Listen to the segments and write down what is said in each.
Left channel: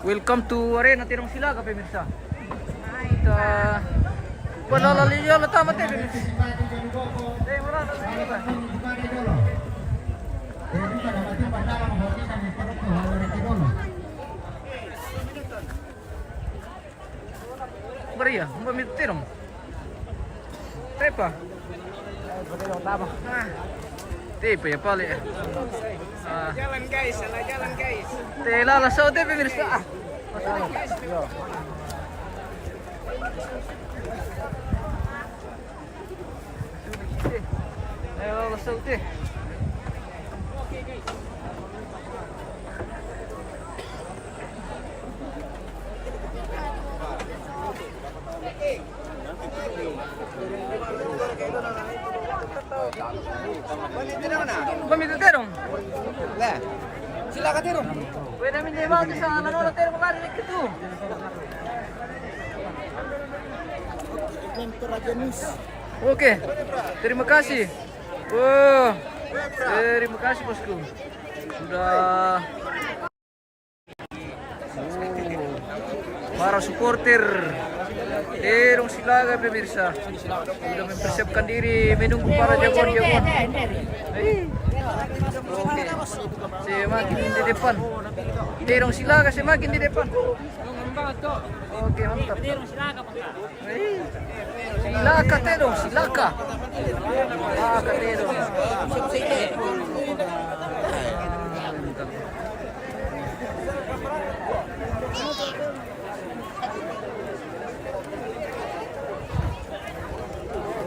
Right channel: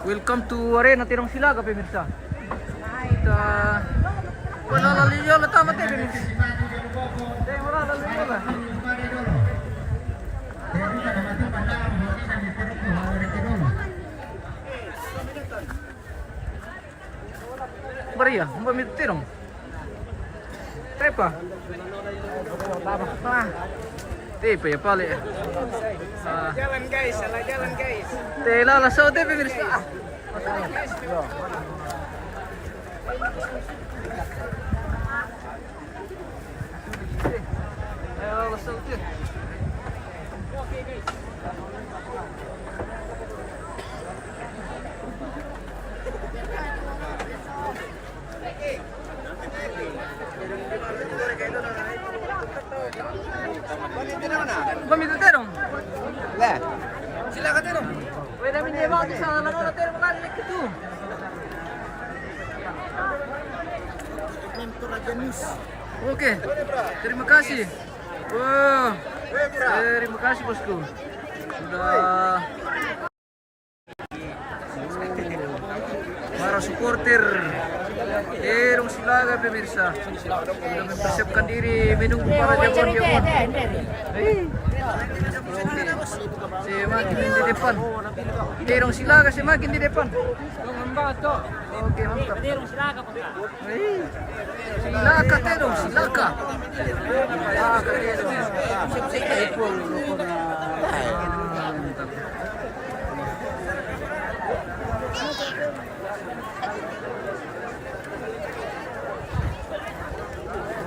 Welcome to Arena Tirong Silaga, pemirsa. Kita wala laliyo la tama te pemirsa. Dai wala laliyo la. Maria, umba mi tirong. Trepa. Ah. Tepa ya pali. Jalan guys, salah jalan guys. Tela la sao te pemirsa. Ayo la sao te. Pamit terong. Lah, silakan tidur. Pwede namin di ba sa langono terong makalilik itu. Oke, terima kasih. Oh, terima kasih bosku. Sudah para supporter Tirong Silaga pemirsa sudah mempersiapkan diri menunggu para jagoan-jagoan. Oke, semakin di depan. Tirong Silaga semakin di depan. Oke, mantap. Silaka Tirong Silaga. Silaka Tirong. Mantap.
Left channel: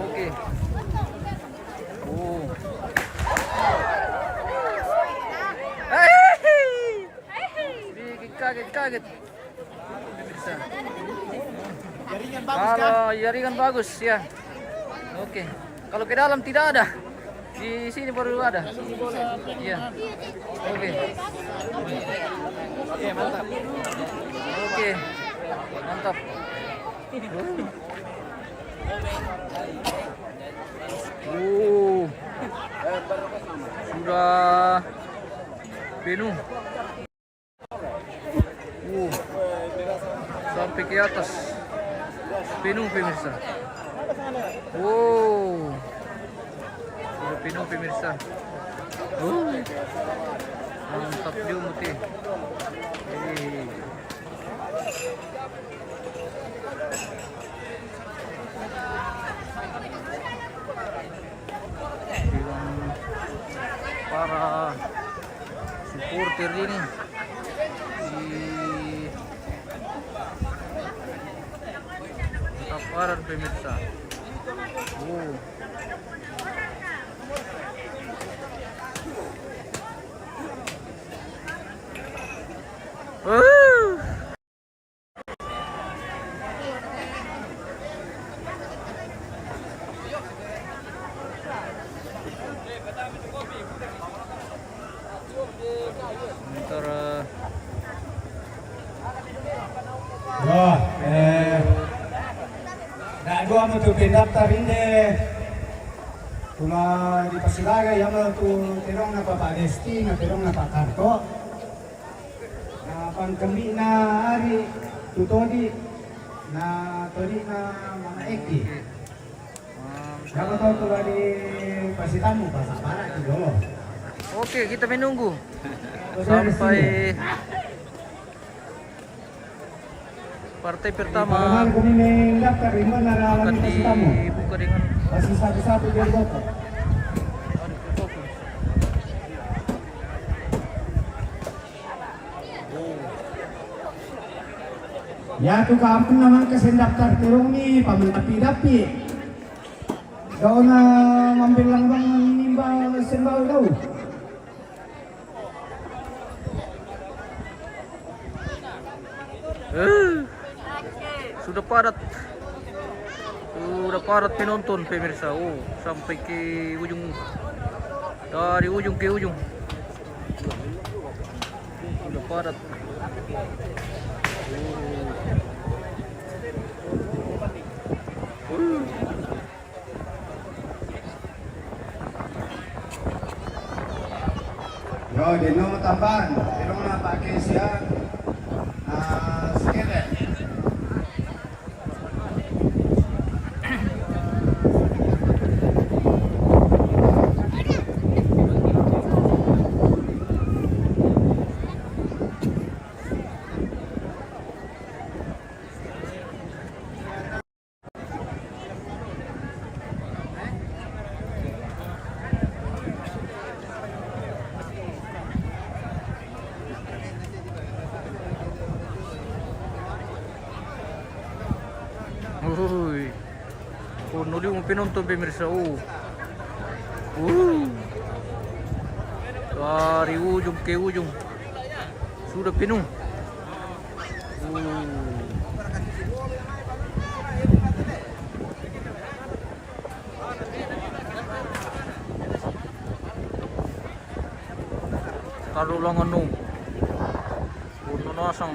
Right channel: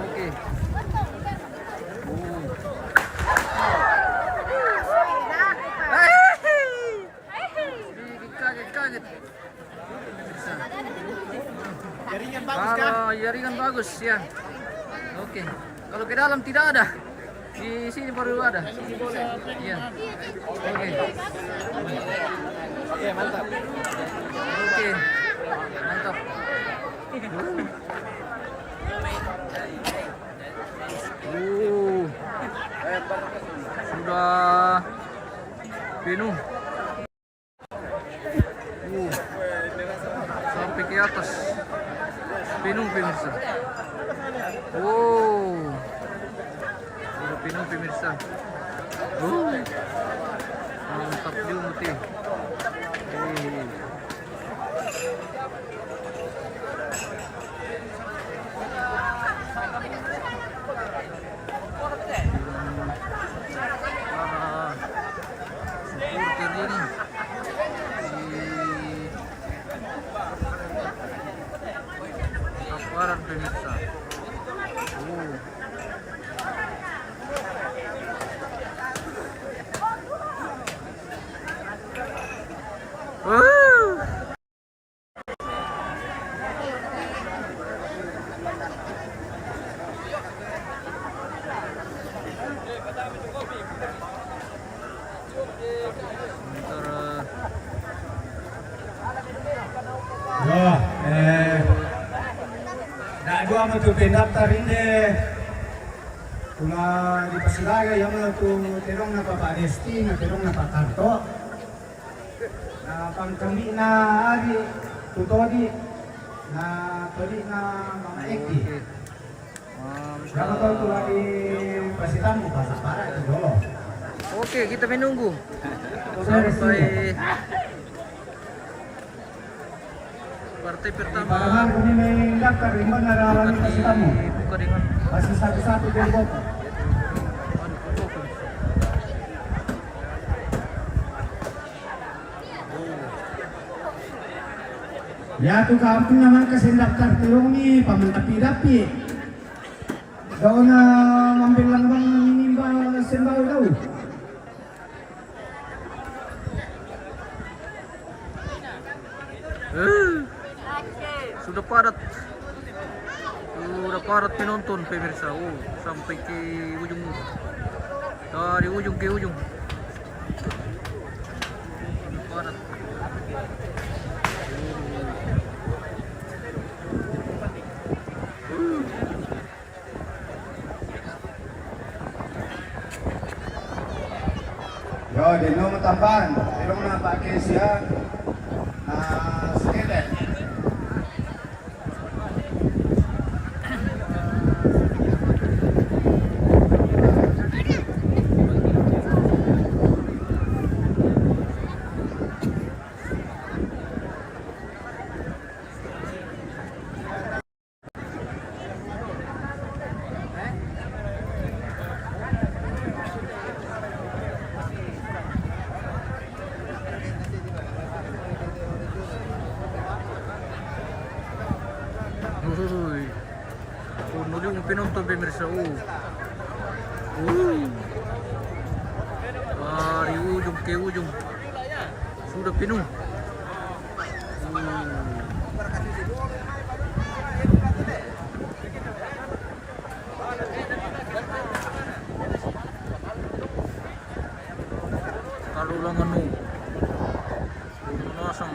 Oke. Kaget. Bisa. Jaringan bagus kan? Kalau jaringan bagus ya. Oke. Kalau ke dalam tidak ada. Di sini baru ada. Iya. Oke. Oke, mantap. Oke. Mantap. Sudah penuh. Sampai ke atas. Penuh pemirsa. Sudah penuh pemirsa. Mantap juga muti. Para supporter ini di aparan pemirsa. Sementara nak dua mau tu pendaftar ini pula di Pasilaga yang mau tu terong na Pak Desti na terong na Pak Tarto na pangkami na ari tutodi na todi na Mama Eki. Dapat tu di Pasitamu pasal para itu. Oke, kita menunggu sampai partai pertama akan dibuka dengan masih satu-satu dia boto. Ya tu kampung naman kasi daftar tulong ni pamantapi-dapi. Daw na mambil lang bang minimbang sembaw daw. Sudah padat penonton pemirsa. Sampai ke ujung, dari ujung ke ujung sudah padat. Yo, di nung tamban, di nung na pakai siya. Uy. Puno yung penonton pemirsa. Dari ujung ke ujung sudah penuh. Kalau lang ano, puno nasang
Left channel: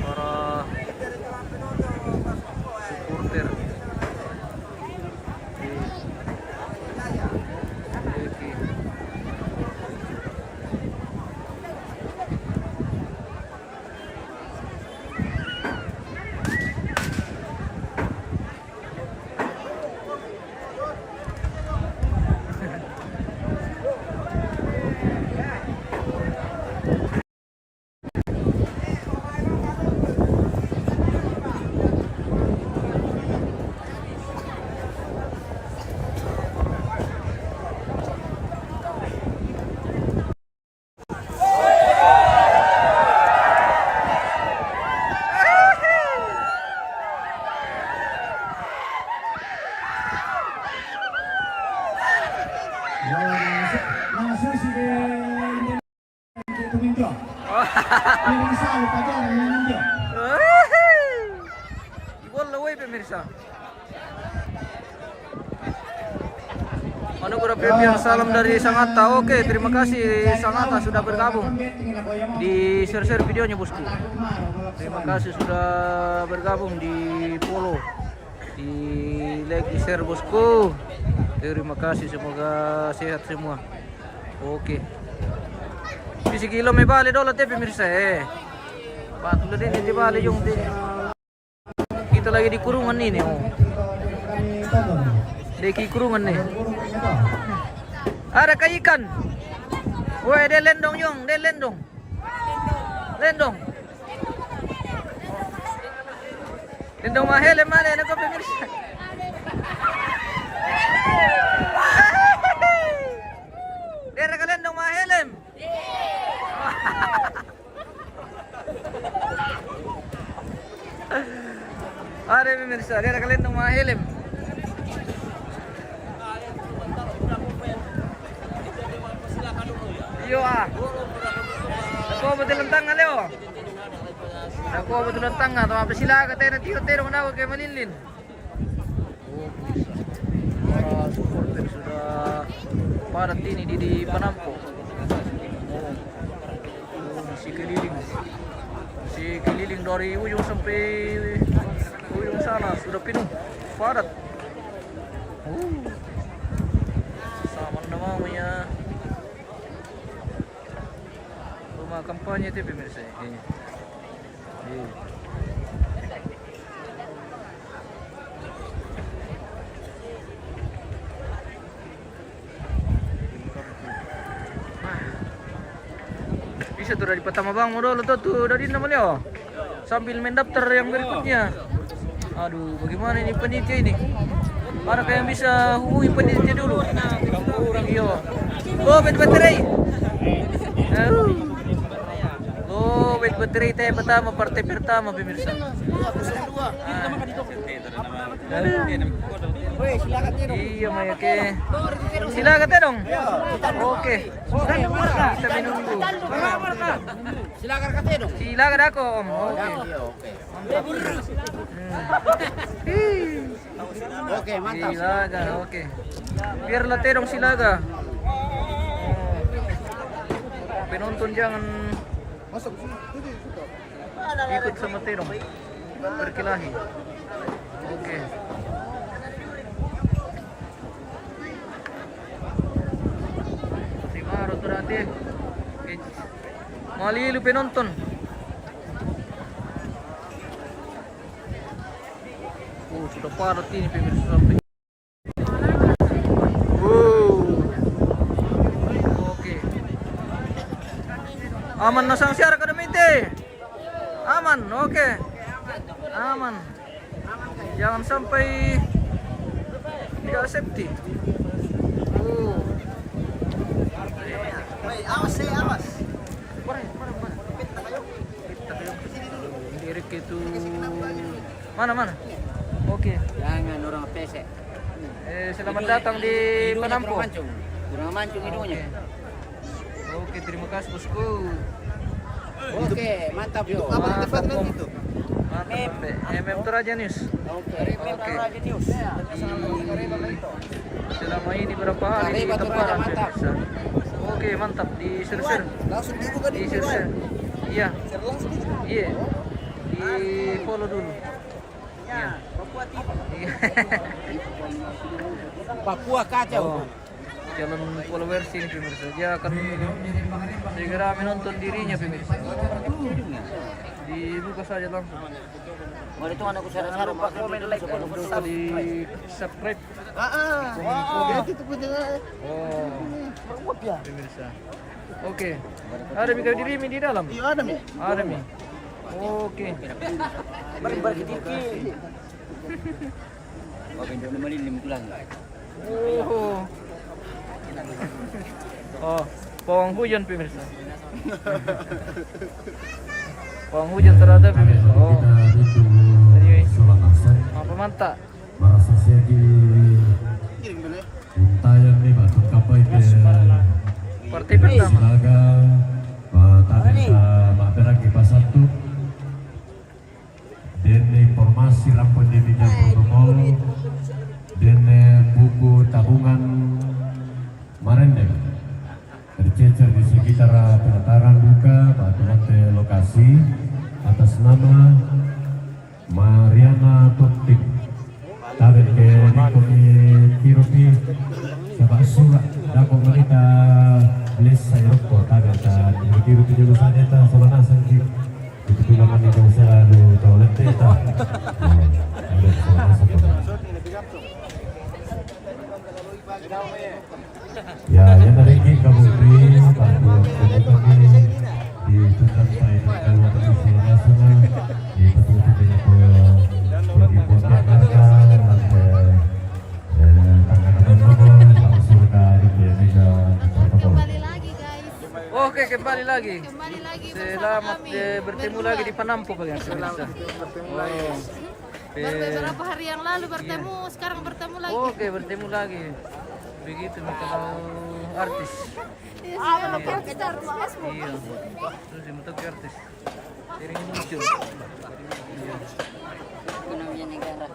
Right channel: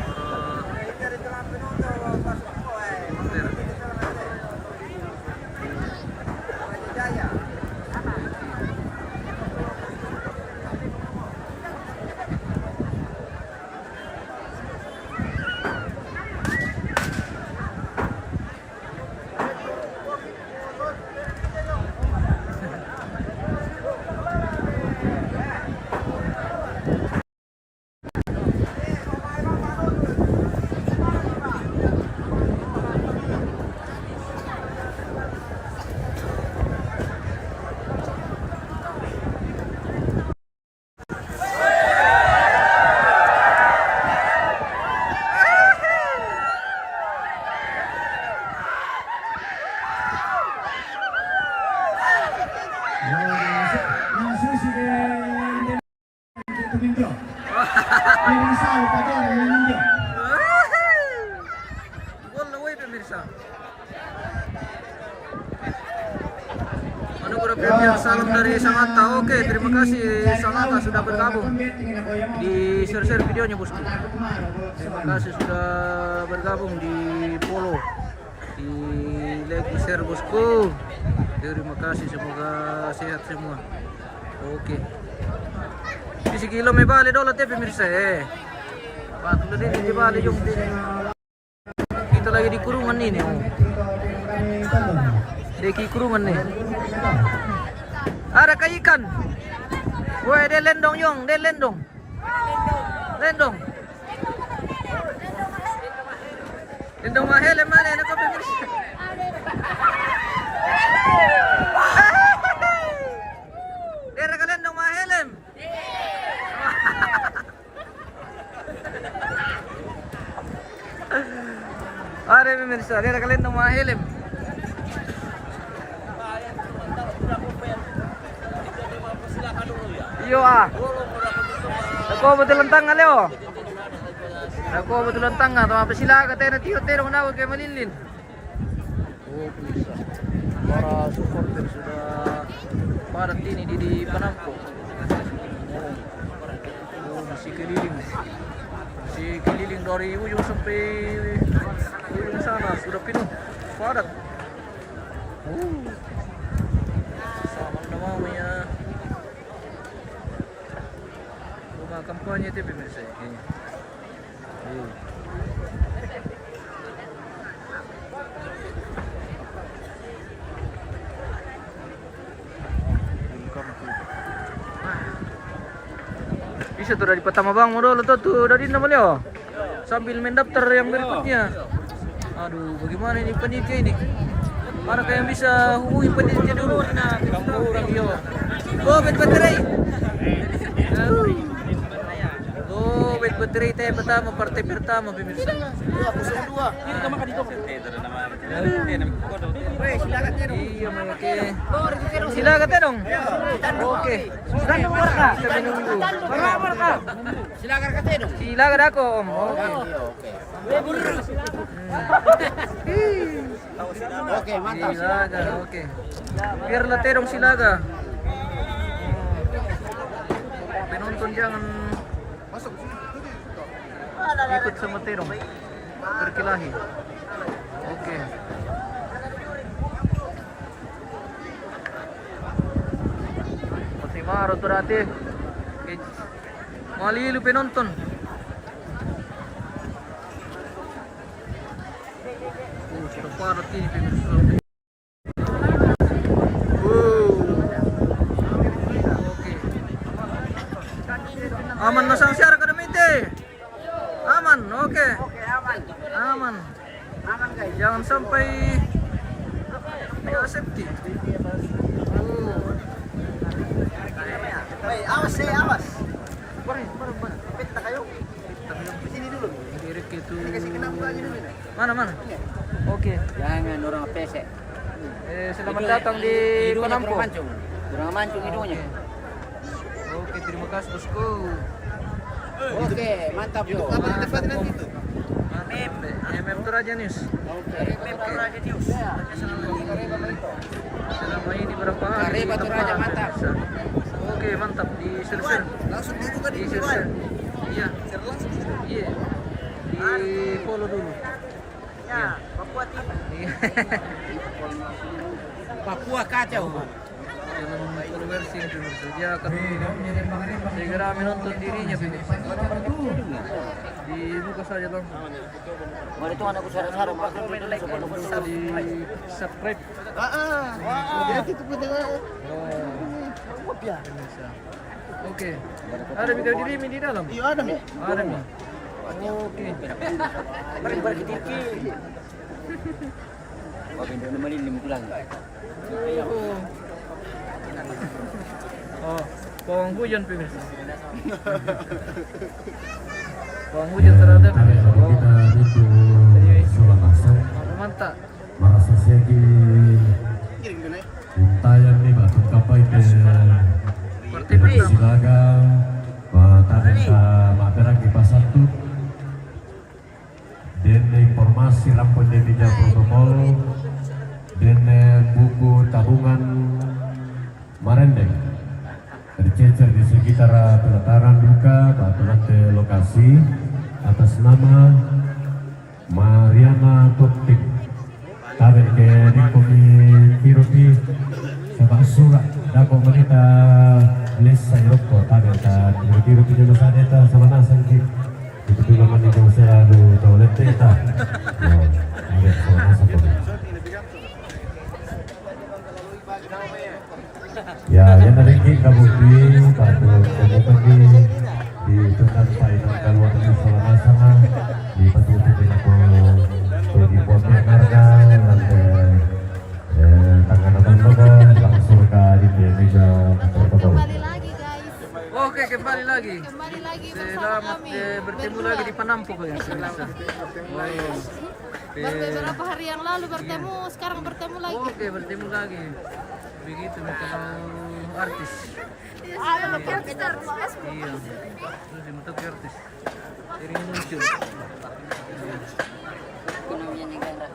para supporter. Mga susi tumindio. Yung salo pa dyan, tumindio. Gol away pemirsa. Ano ko na salam dari Sangatta. Oke, terima kasih Sangatta sudah bergabung di share videonya bosku. Terima kasih sudah bergabung di follow, di like, di share bosku. Terima kasih, semoga sehat semua. Oke. Di sekilo may bali dola te pemirsa Patut din di bali yung din. Kita lagi di kurungan ini Deki kurungan nih. Ada kayak ikan. Woi, dia lendong yung, dia lendong. Lendong. Lendong mahal mana nak pemirsa? Dia rekalendong mahelem. Ada pemirsa, dia rekalendong mahelem. Iyo Nako betulan tanga leo. Nako betulan tanga to apa sila ka tayo na tiyo-tiyo na kay malilin. Pemirsa. Para supporter sudah padat ini di Panampo. Masih keliling dari ujung sampai ujung sana sudah penuh padat. Sama namanya rumah kampanye itu pemirsa kayaknya. Bisa tuh dari pertama bang modal tuh dari namanya sambil mendaftar yang berikutnya. Aduh, bagaimana ini panitia ini? Mana kayak bisa hubungi panitia dulu? Iya. Bet baterai. Bet baterai teh pertama partai pertama pemirsa. 02. Iya, Maya ke. Silakan teh dong. Oke. Kita minum dulu. Silakan kate dong. Silakan aku, Om. Oke. Oke, mantap. Silakan, oke. Biarlah teh dong silakan. Penonton jangan ikut sama teh dong. Berkelahi. Oke. Maro tuh rati. Mali lu penonton. Sudah padat ini pemirsa. Oke. Aman nasang siara kadamite. Aman, oke. Aman. Jangan sampai tidak safety. Awas. Parah. Kita kayo. Direct itu Mana? Oke. Jangan orang pesek. Selamat datang di Penampo. Kurang mancung hidungnya. Oke, terima kasih bosku. Oke, mantap yo. Kapan tempat nanti itu? MM Toraja News. Oke. Oke. News. Selama ini berapa hari? Kareba Toraja, mantap. Oke, mantap di share. Langsung dibuka Di di share. Iya. Share langsung. Iya. Di follow dulu. Iya. Iya. Papua kacau. Jalan followers ini pemirsa. Dia akan segera menonton dirinya pemirsa. Dibuka saja langsung. Mari tuh anakku sarang-sarang Pak. Komen like dan Bisa di subscribe. Jadi itu pun Oh, pemirsa. Oke. Ada video diri di dalam. Iya ada Mi. Ada Mi. Oke. Mari balik ke TV. Wah, benda melilim tulang. Oh, pawang hujan pemirsa. Pawang hujan terada pemirsa. Oh, anyway, mantap. Kirim dulu ya. Untayan ni batung kapay ke Partai pertama. Silaga matapos sa maberang ipasatu dan informasi lampon di media protokol dan buku tabungan Marendeng tercecer di sekitar pelataran duka batu nanti lokasi atas nama Mariana Topik kawin ke Nikomi Kirupi sebab surat dan komunita les sayurko kawin ta Kirupi dulu sadeta sama nasangi itu dulu mani kau selalu toilet teta ya yang dari ini kabutri kabutri di tuntan final kalau tadi salah nasana di betul dengan di Kembali lagi guys. Oke, kembali lagi. Kembali lagi bersama Selamat kami. bertemu lagi di Penampo pemirsa. Baru beberapa hari yang lalu bertemu, sekarang bertemu lagi. Oke, bertemu lagi. Begitu kalau artis. Iya. Iya. Terus yang ke artis. Sering muncul. Ekonominya negara.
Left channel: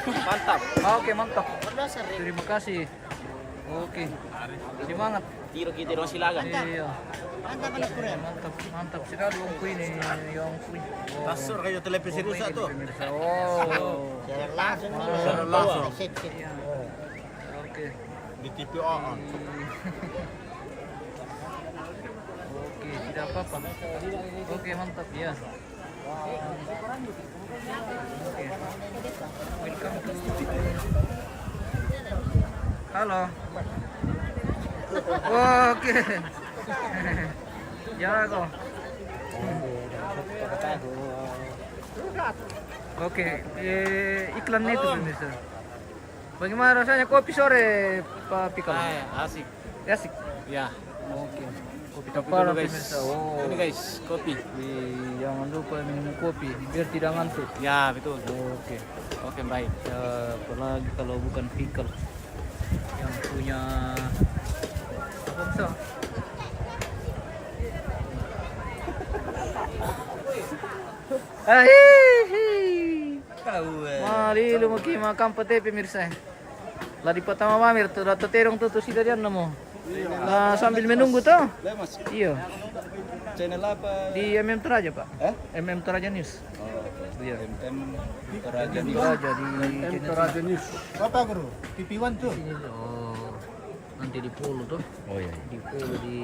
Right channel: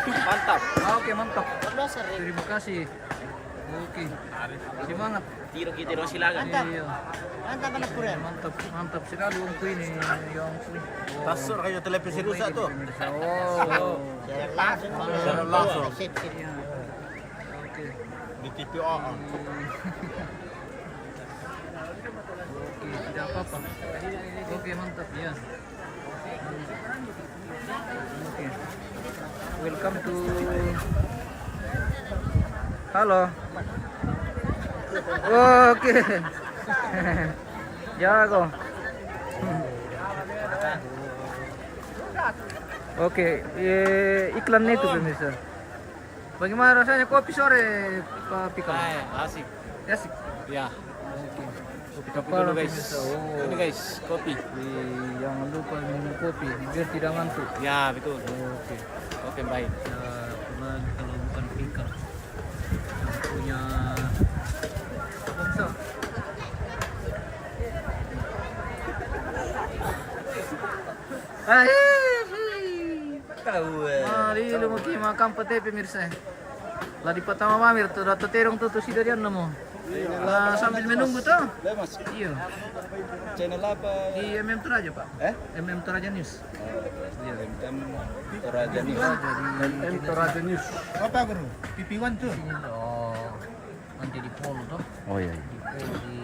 Mantap. Oke, mantap. Terima kasih. Oke. Semangat. Tiro kita dong silakan. Iya. Mantap sekali Om Kui ini, Om Kui. Tasur kayo televisi rusak tuh. Pemirsa. Oh. Secara langsung. Iya. Oke. Di TV on. Oke, tidak apa-apa. Oke, mantap ya. Oke. Welcome to Halo. Oke. Jago. Oke, iklan itu pemirsa. Bagaimana rasanya kopi sore, Pak Pikal? Asik. Asik. Ya. Oke. Kopi Kopi kepala dulu guys. pemirsa. Oh. Ini guys, kopi. Jangan lupa minum kopi biar tidak ngantuk. Ya, betul. Oke. Oke, baik. Siapa lagi kalau bukan Pikal yang punya apa bisa? Mari lu maki makam pete pemirsa. Lah di pertama mamir tuh data terong tuh sudah dia nemu. Lah sambil menunggu tuh. Mas, Iya. channel apa? Di MM Toraja, Pak. Eh? MM Toraja News. Iya. MM Toraja MM Toraja di MM Toraja News. Apa bro? TV1 tuh. Oh. Nanti di follow tuh. Oh iya. Di follow di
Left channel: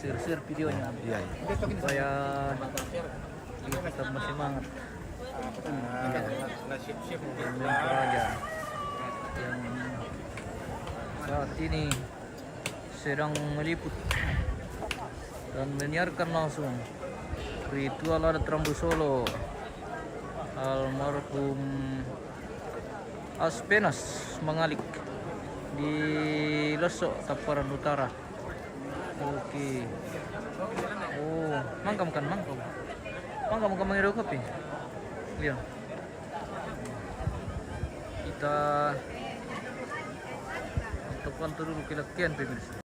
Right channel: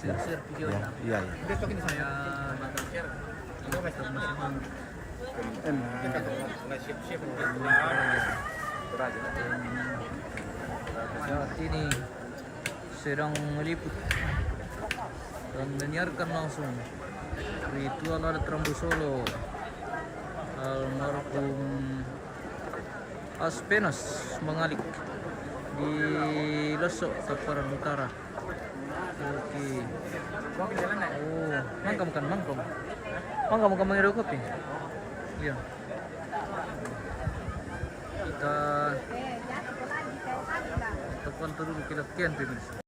share videonya. Iya iya. Besok ini saya tetap masih semangat. Saat ini sedang meliput dan menyiarkan langsung ritual adat Rambu Solo almarhum Aspenas Mangalik di Lesok Taparan Utara. Oke. Oh, mangkam kan mangkam. Mangkam menghirup kopi. Iya. Kita pantau dulu kelakian pemirsa.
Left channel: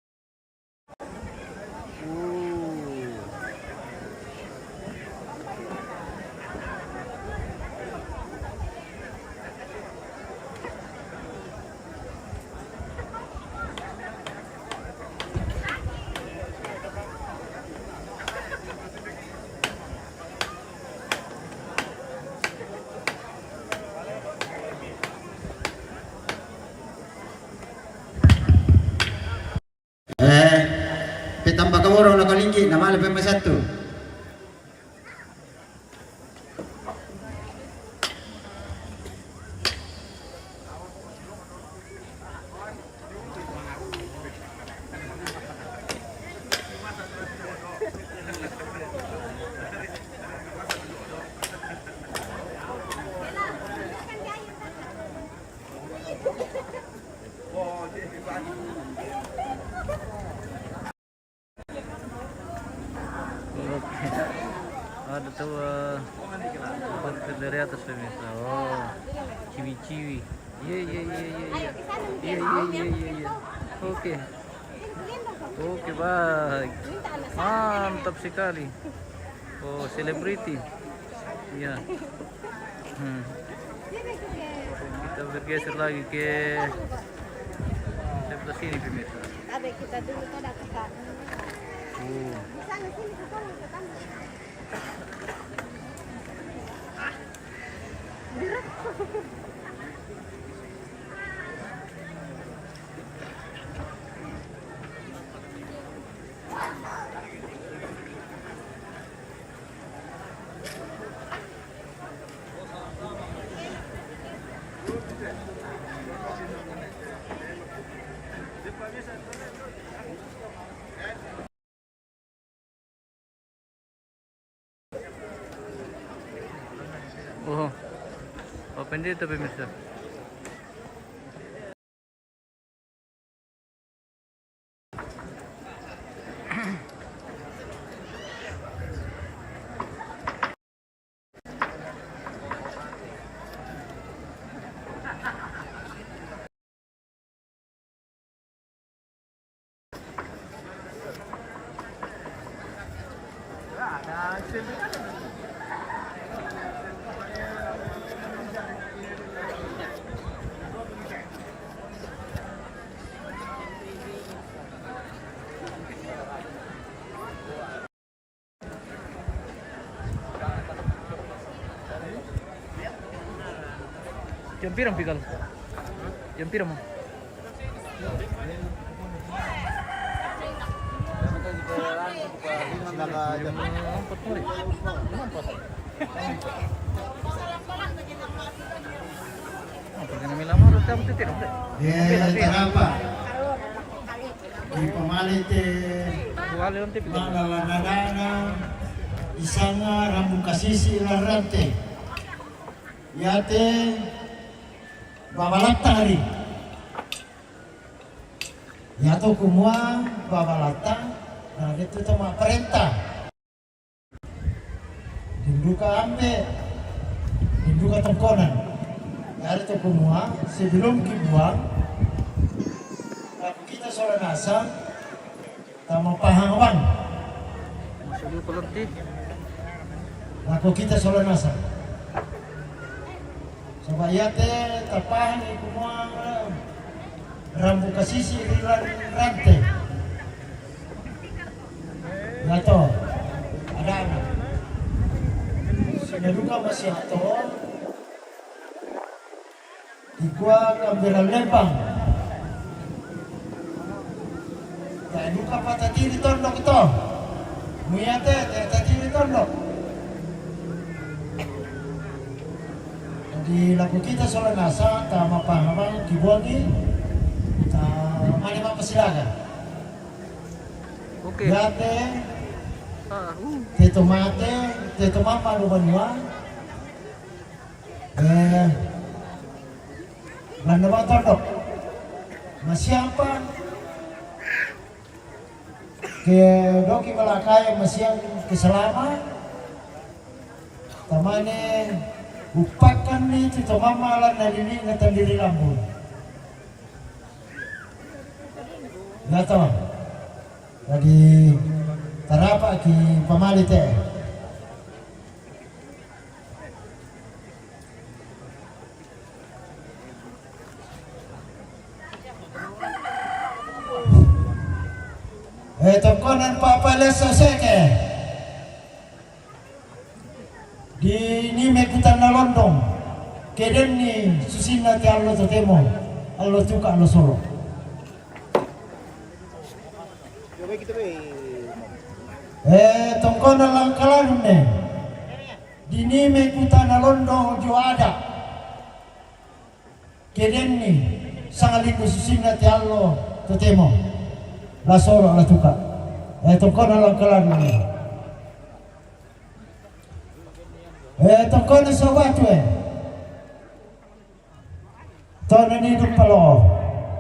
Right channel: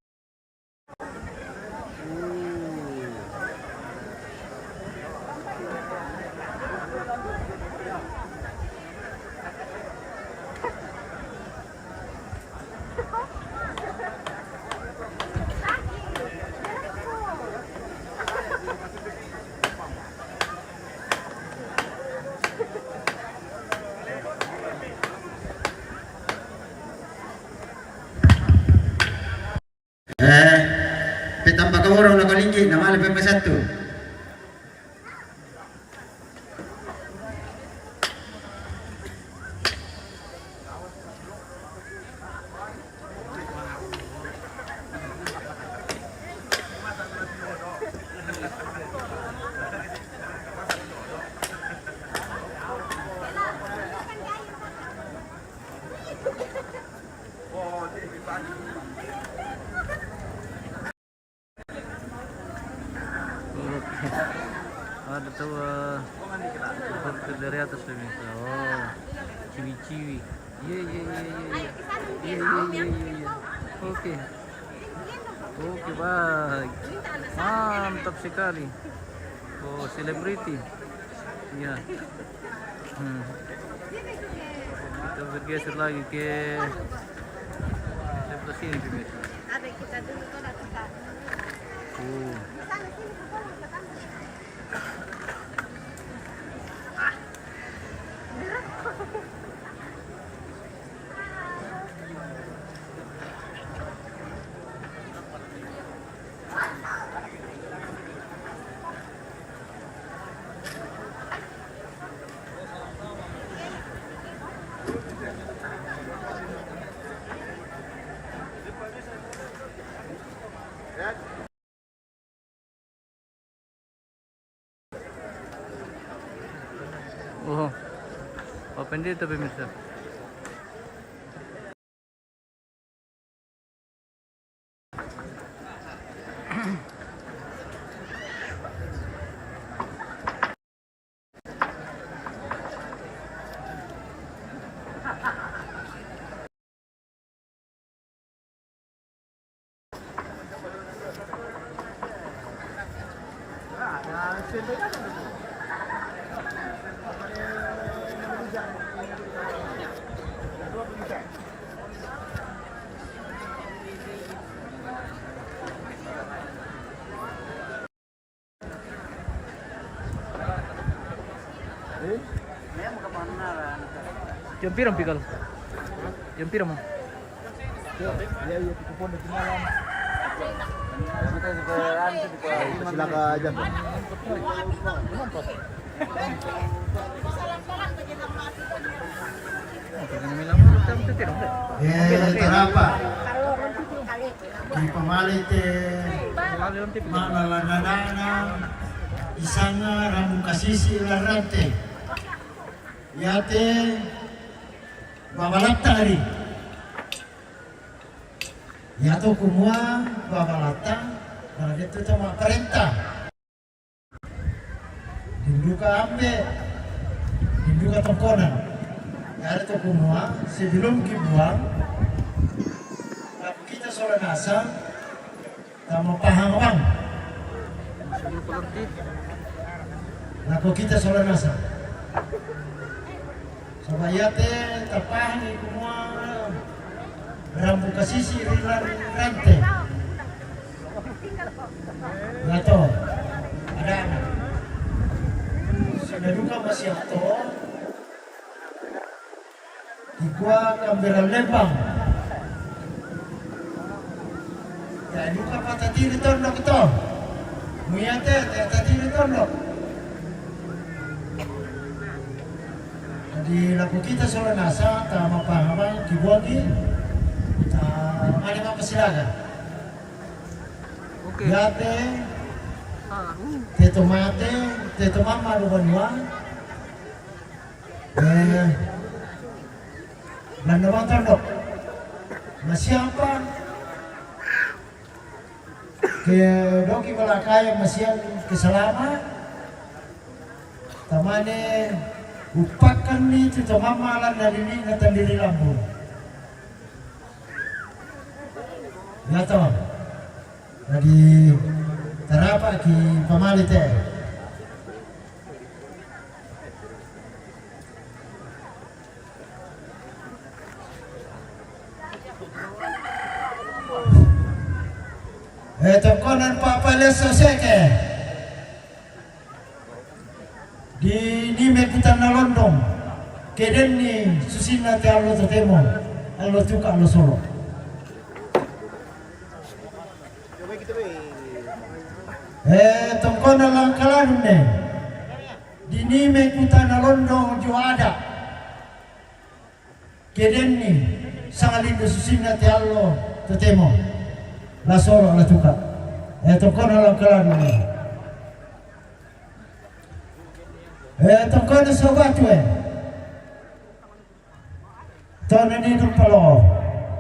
Petambah kau orang nak lingki, nama lebih satu. Ada tuh seperti dari atas pemirsa. Oh, ciwi-ciwi. Iya. Oke, baik. Mantap sekali. Oh, selebriti. Iya. Kita bergeser lagi ke sebelah sini pemirsa. Ada kita dulu ada dekat. Oh, open dito pemirsa. Jam pirang pikal? Jam pirang man? Terapa? Di pemalite manalanadanya isanga ramu kasisi larante yate babalata hari yato kumua babalata nah itu cuma perintah dinduka ambe dinduka tongkonan dari itu kumua sebelum dibuang kita soal nasam sama pahangwang Masih pelerti. Nako kita soal nasam sabayate tapahan kumua rambu kasisi rilan rante ngato ada anak sinaduka masih ato ikwa kamberan lembang ya duka patatiri tondok ito muyate tatiri tondok di lagu kita soal nasa tama pahamang kibuagi anima kesilakan Oke. yate teto mate teto mama do banua Belanda tondok siapa ke doki balakaya masiang keselama tamane upakan ni itu mamalan na ingatan diri lambun. Ya toh. Jadi terapa ki pamalite. Konan papaleso seke di ni mekutan na londong keden ni susina te allo totemo allo tuka allo solo konan lang kalan ne di ni mekutan na londong jo ada keden ni sangalin susina te allo totemo la solo la tuka kono lang kalan ni kono sobat tono ni dum palo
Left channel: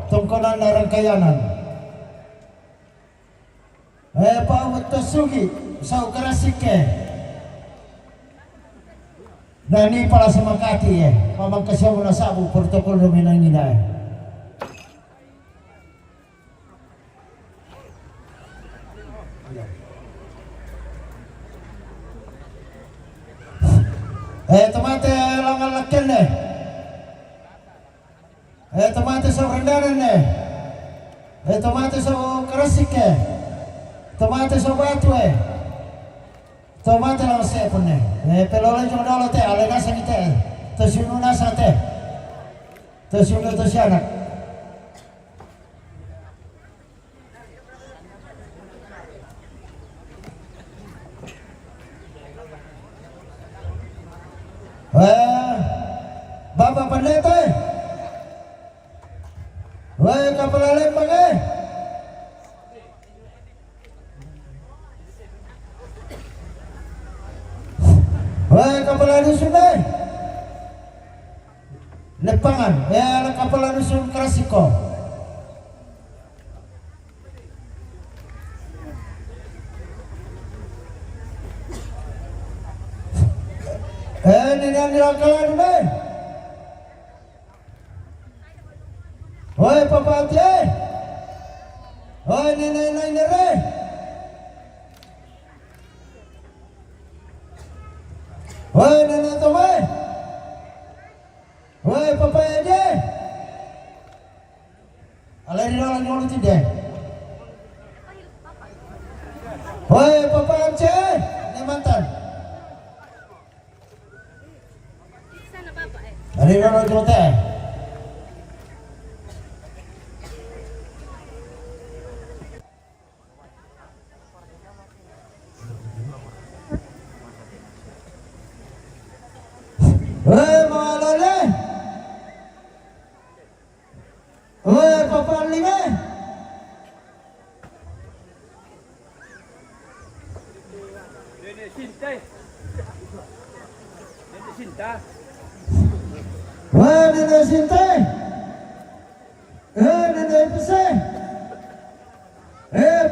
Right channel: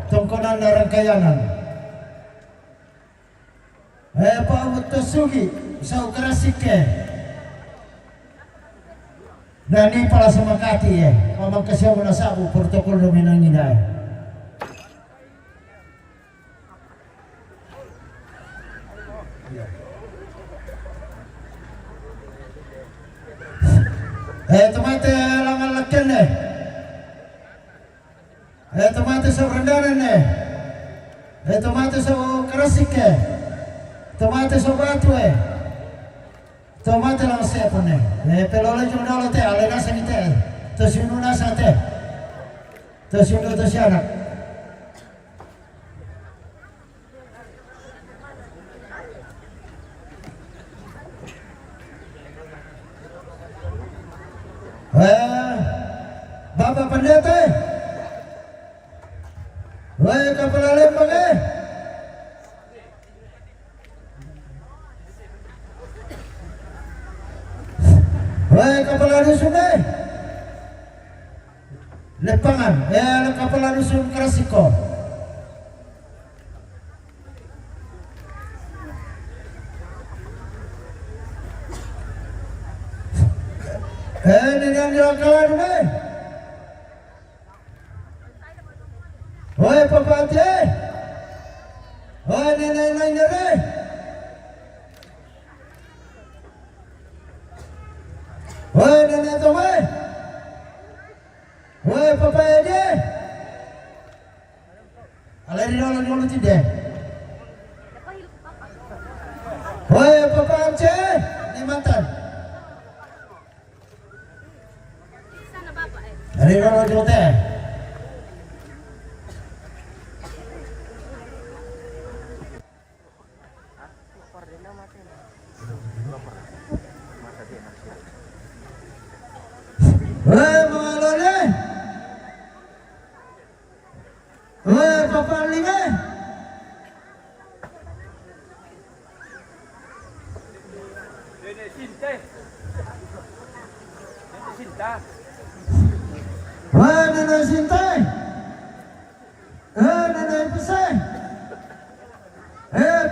kono na rangkayanan pa utosugi sa ukrasike nani pala semakati mamang kasyamu na sabu protokol dominang nina tomate langan lakken ne tomate sa rendanan ne tomate sa kerasik tomate sa batu tomate lang sepon ne pelola jom dolo te ale nasa ni te to sinu nasa te to sinu to sianak Bapak Pendeta, kepala lembang kepala dusun Lepangan, kepala dusun Krasiko. Ini yang dilakukan Papa Ate, nenek nere, nenek Tome, Papa Ede, alai orang dulu tidak, Papa Ance, ini mantan. Hari orang dulu teh. Papa Linga. Nenek Sinta. Nenek Pese.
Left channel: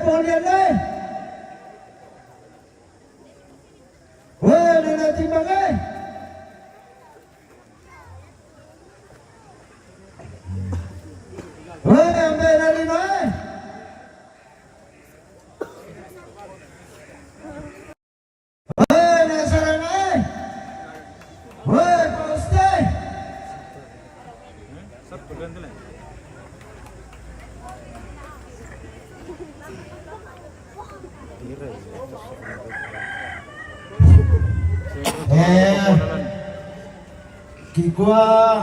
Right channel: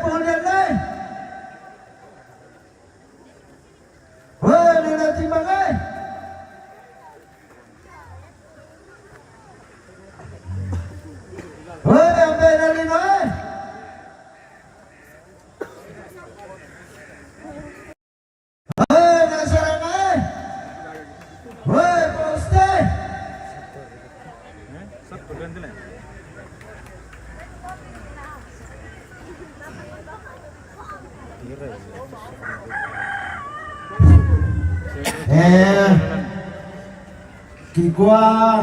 Polian. Nenek Timbangai. Kigua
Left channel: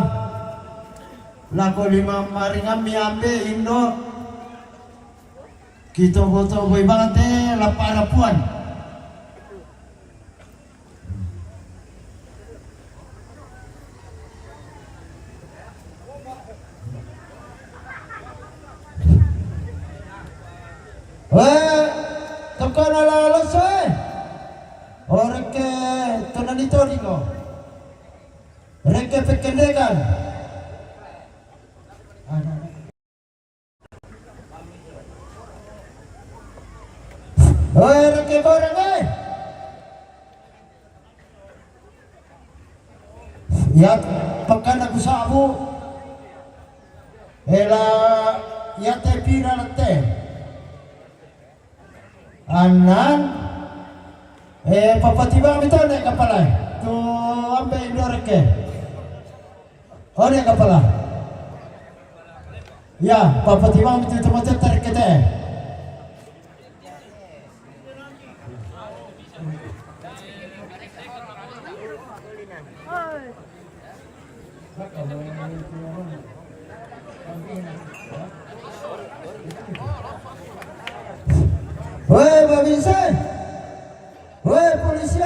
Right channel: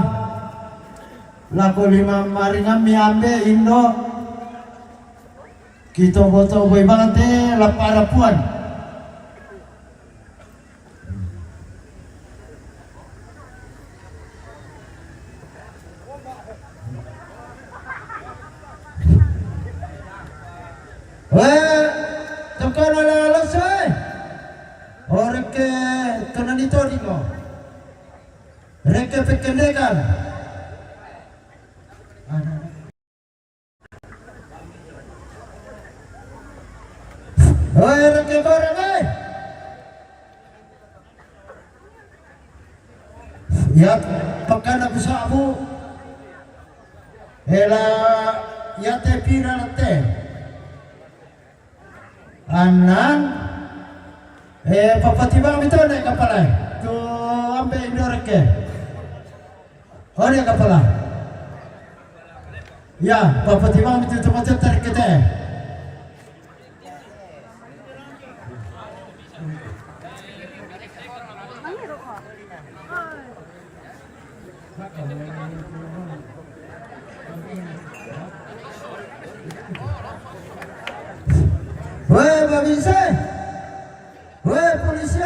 laku 5 maringan miambe Indo kita foto boy banget lapara puan tekan ala selesai orang ke tonanito diko mereka pekendekan mereka goreng Ya, pagka nagusa mo, ela yate pirante. Anan, papatibang ito na kapalay. To ambe indoreke. Ore kapala. Ya, papatibang ito tumatet tarikete. Woi babinse, woi polisi,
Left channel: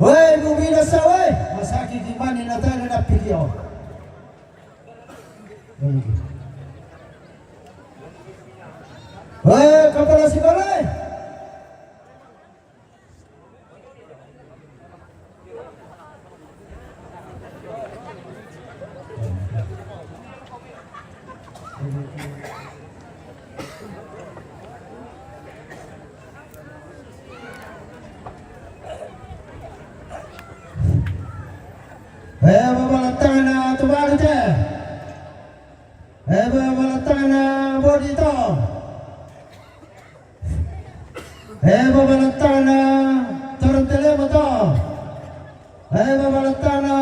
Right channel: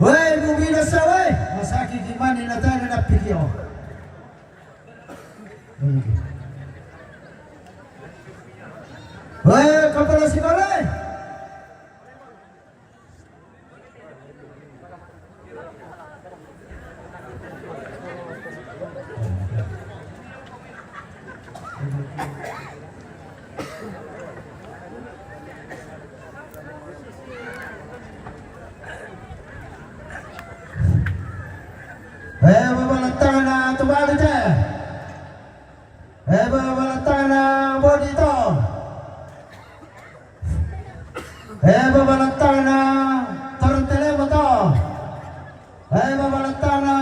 woi bubina sawe, masaki gimana natanya na pikio. Woi kapala sikole. Babalantana tumalite. Babalantana bodito. Babalantana tortele moto. Babalantana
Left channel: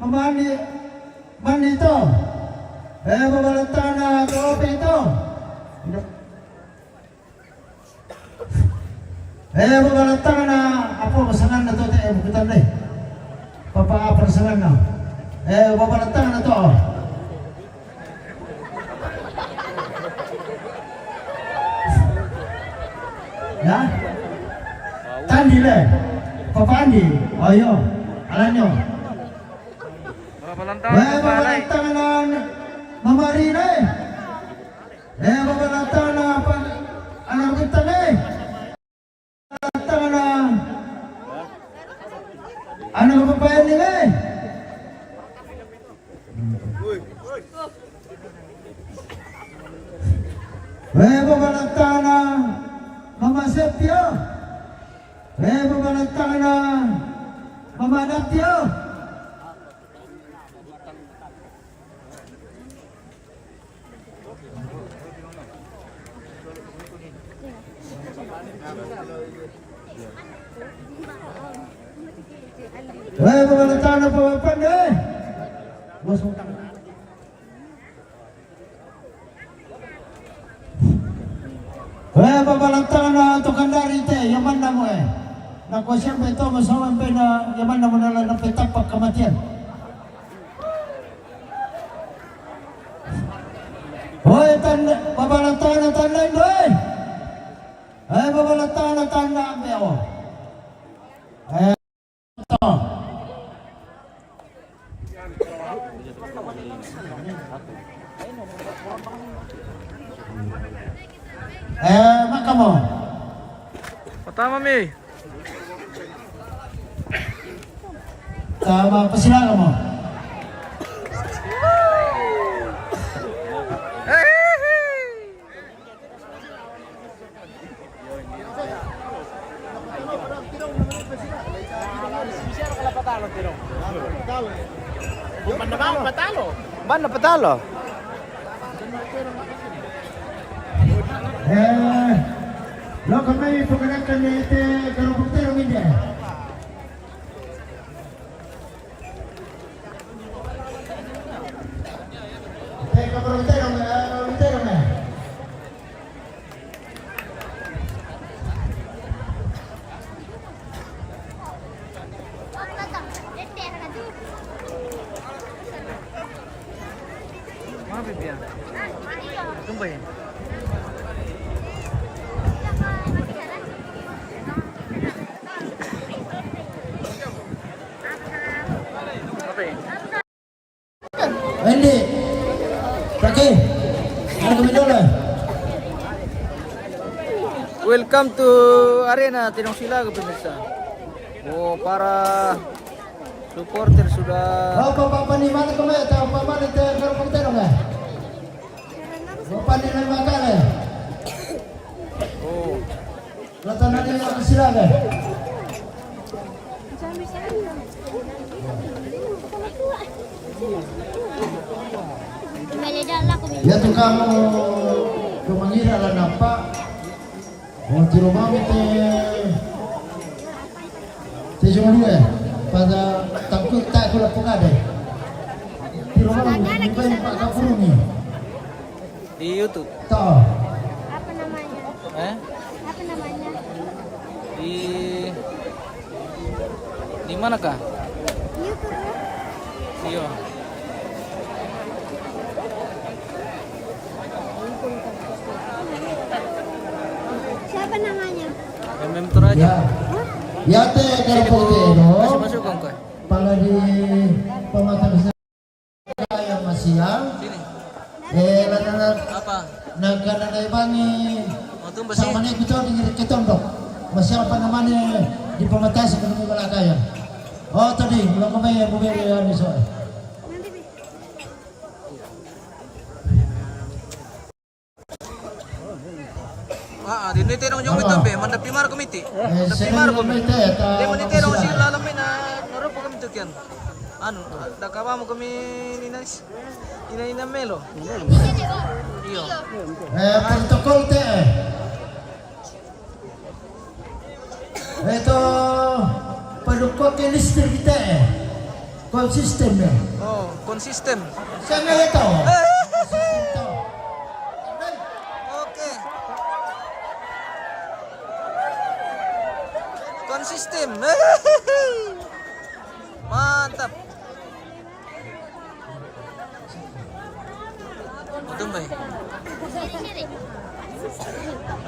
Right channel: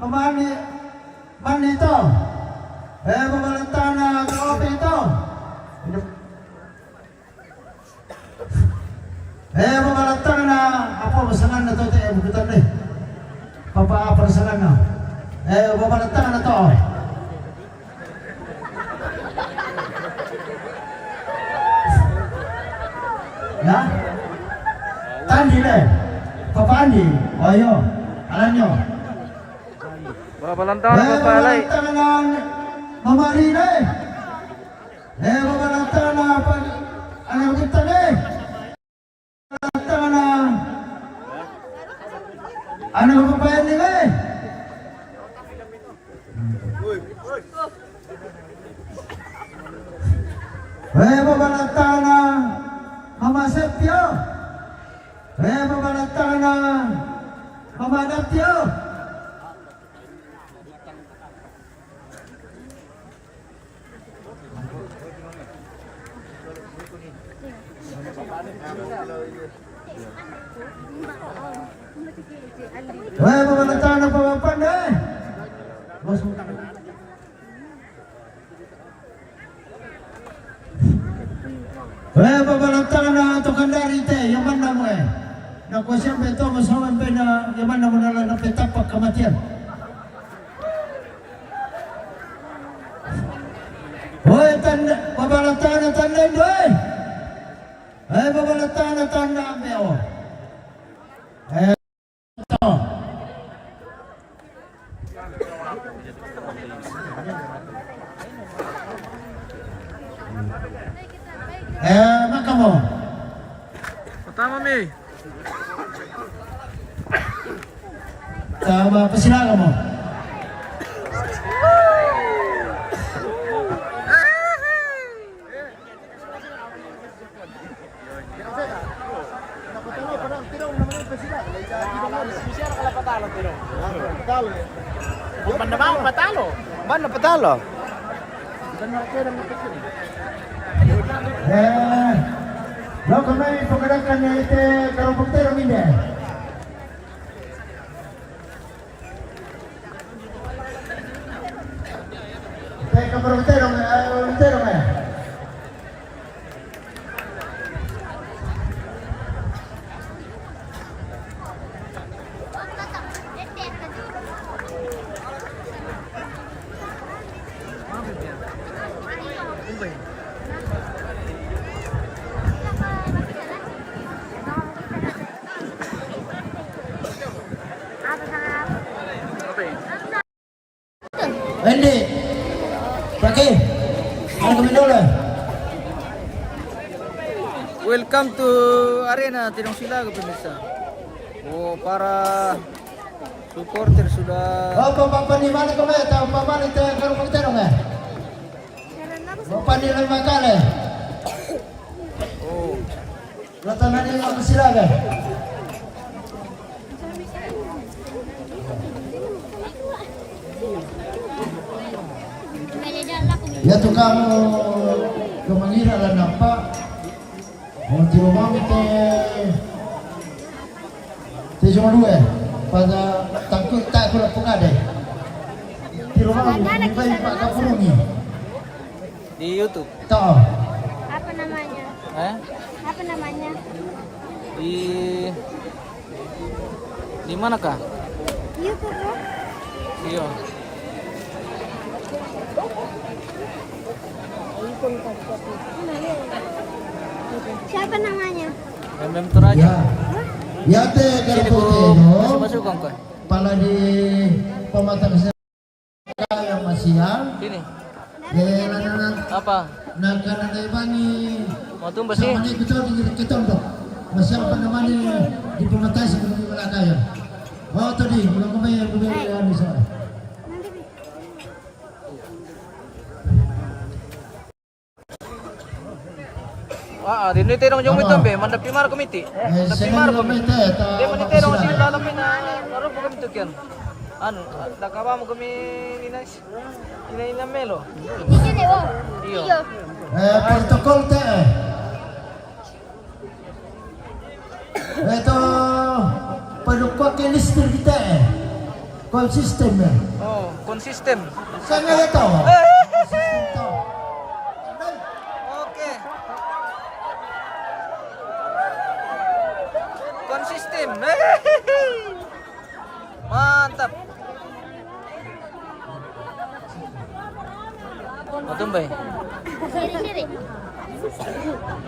mamani manito. Babalantana kopito. Babalantana apa pesanan na to te bukutan deh. Papa perasaan na. Babalantang na to. Ya? Tandi deh. Papa Andi. Ayo. Alam nyo. Babalantang na papalay. Babalantang na mamarina eh. Babalantang na alam kitang eh. Babalantang na ano ba pa yan nila eh? Babalantang na Mama Sepio. Babalantang na Mama Natio. Babalantang na pawapan eh. Bos mo. Babalantang na tukandari te, yaman na mo eh. Nakuha siyempre ito, masawan pa na yaman na mo na lang ng petapak kamatian. Hoy, babalantang na tanda ito eh. Babalantang na tanda ang mewa. Ito. Maka mo. Pertama mi. Tama, pasilaga mo. Mana patalo? Lo kami pagkakaroon na ito karapagtero minda. Ito karapagtero na. Hindi. Pergi. Welcome to Arena Tinong Silaga pemirsa. Oh, para supporter sudah Apa ni mana kau main? Tahu apa ni teh karapagtero na? Apa ni lima kali? oh Datang ni silaga. Ya tu kamu kemangira lah nampak. Oh di rumah te cuma dua. Pada tangkit tak kira pun ada. Di rumah kita pak kapurungi. Di YouTube. Tahu. Apa namanya? Apa namanya? Di mana kah? YouTube. Iya. Siapa namanya? MM teraja. Ya te Sini dari Bu, kasih masukan kah? Pala di pematang yang masih yang Sini. apa? Apa? Nagkanagayabani Mau tumbas sih? sama kita di dong. Masih apa namanya di pematang sebelum kaya. Oh tadi belum kemana buberi ini soal. Wah, di nitero yung ito be, mandap pimar komiti. Mandap pimar ko. Di mo nitero si lalami na narupo kami to kyan. Ano, nakaba mo kami ina melo. Iyo. Protokol te. Ito palukwa ke lister kita konsisten ya. Oh, konsisten. Sa nga ito. Oke. Konsisten. Mantap. Matumbay.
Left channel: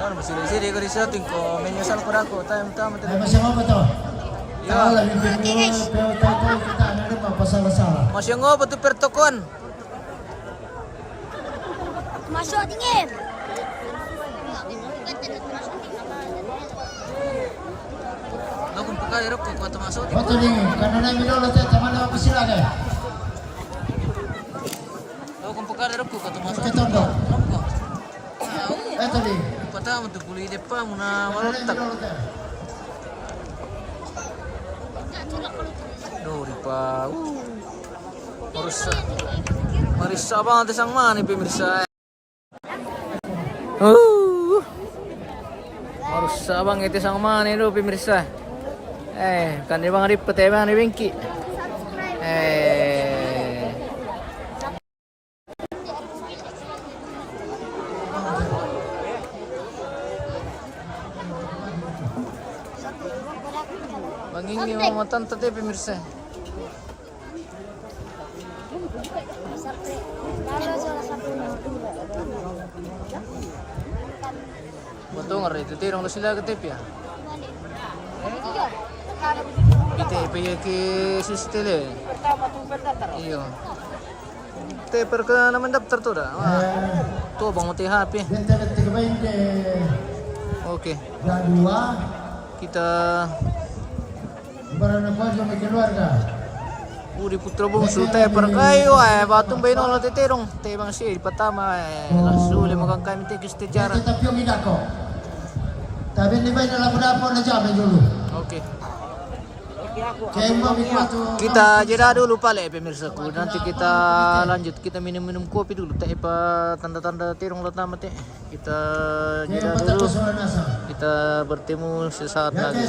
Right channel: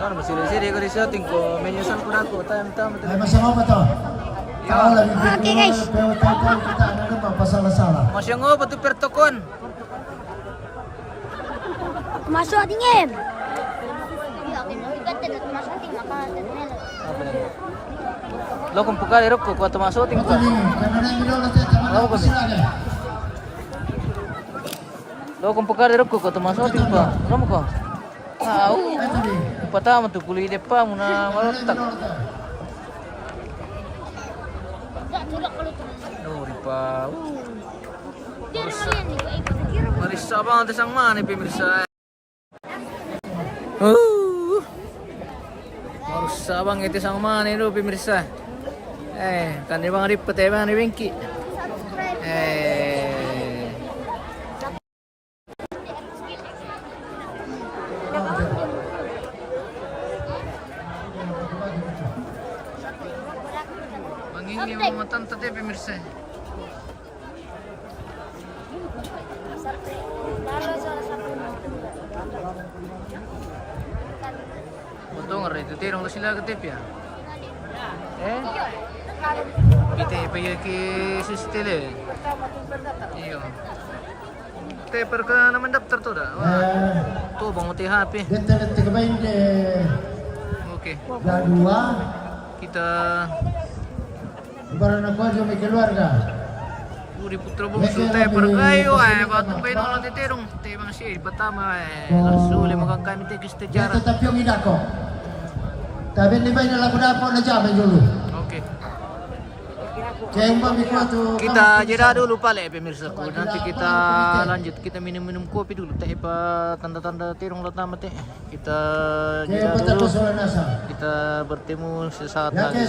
Ano ba siri-siri ko di setting ko menyosan ko dako time-time Masih apa toh? Ya. Tahu lagi tahu kita ada apa salah-salah. Masya ngo pa to pertokon. Masuk dingin. Lo kung pagkali ro ko pato masuk Betul nih, karena yang dulu saya teman aku silakan. Lo kung pagkali ro ko pato masuk ko. Kamu ko. Tahu. Betul nih. Patama to kuli depa mo na malotak. Dori pa. Marisa bang ate sang mani pemirsa. Marisa bang ate sang mani lo pemirsa. Kan dia bang ripet bang ni bengki. Bang ini mau tante teh pemirsa. Betul nggak itu terong sila ke tep ya? Kita pergi ke sistem Iya. Te perkara naman daftar tuh dah. Tuh bang uti HP. Oke. Kita Uri putra bungsu te perkayo batung bayi nolo te terong te bang si pertama langsung le magang kami te secara. Tapi ini main dalam dapur aja dulu. Oke. Kita jeda dulu pale pemirsaku. Nanti kita lanjut kita minum-minum kopi dulu teh tanda-tanda terong pertama teh. Kita jeda dulu. Kita bertemu sesaat lagi.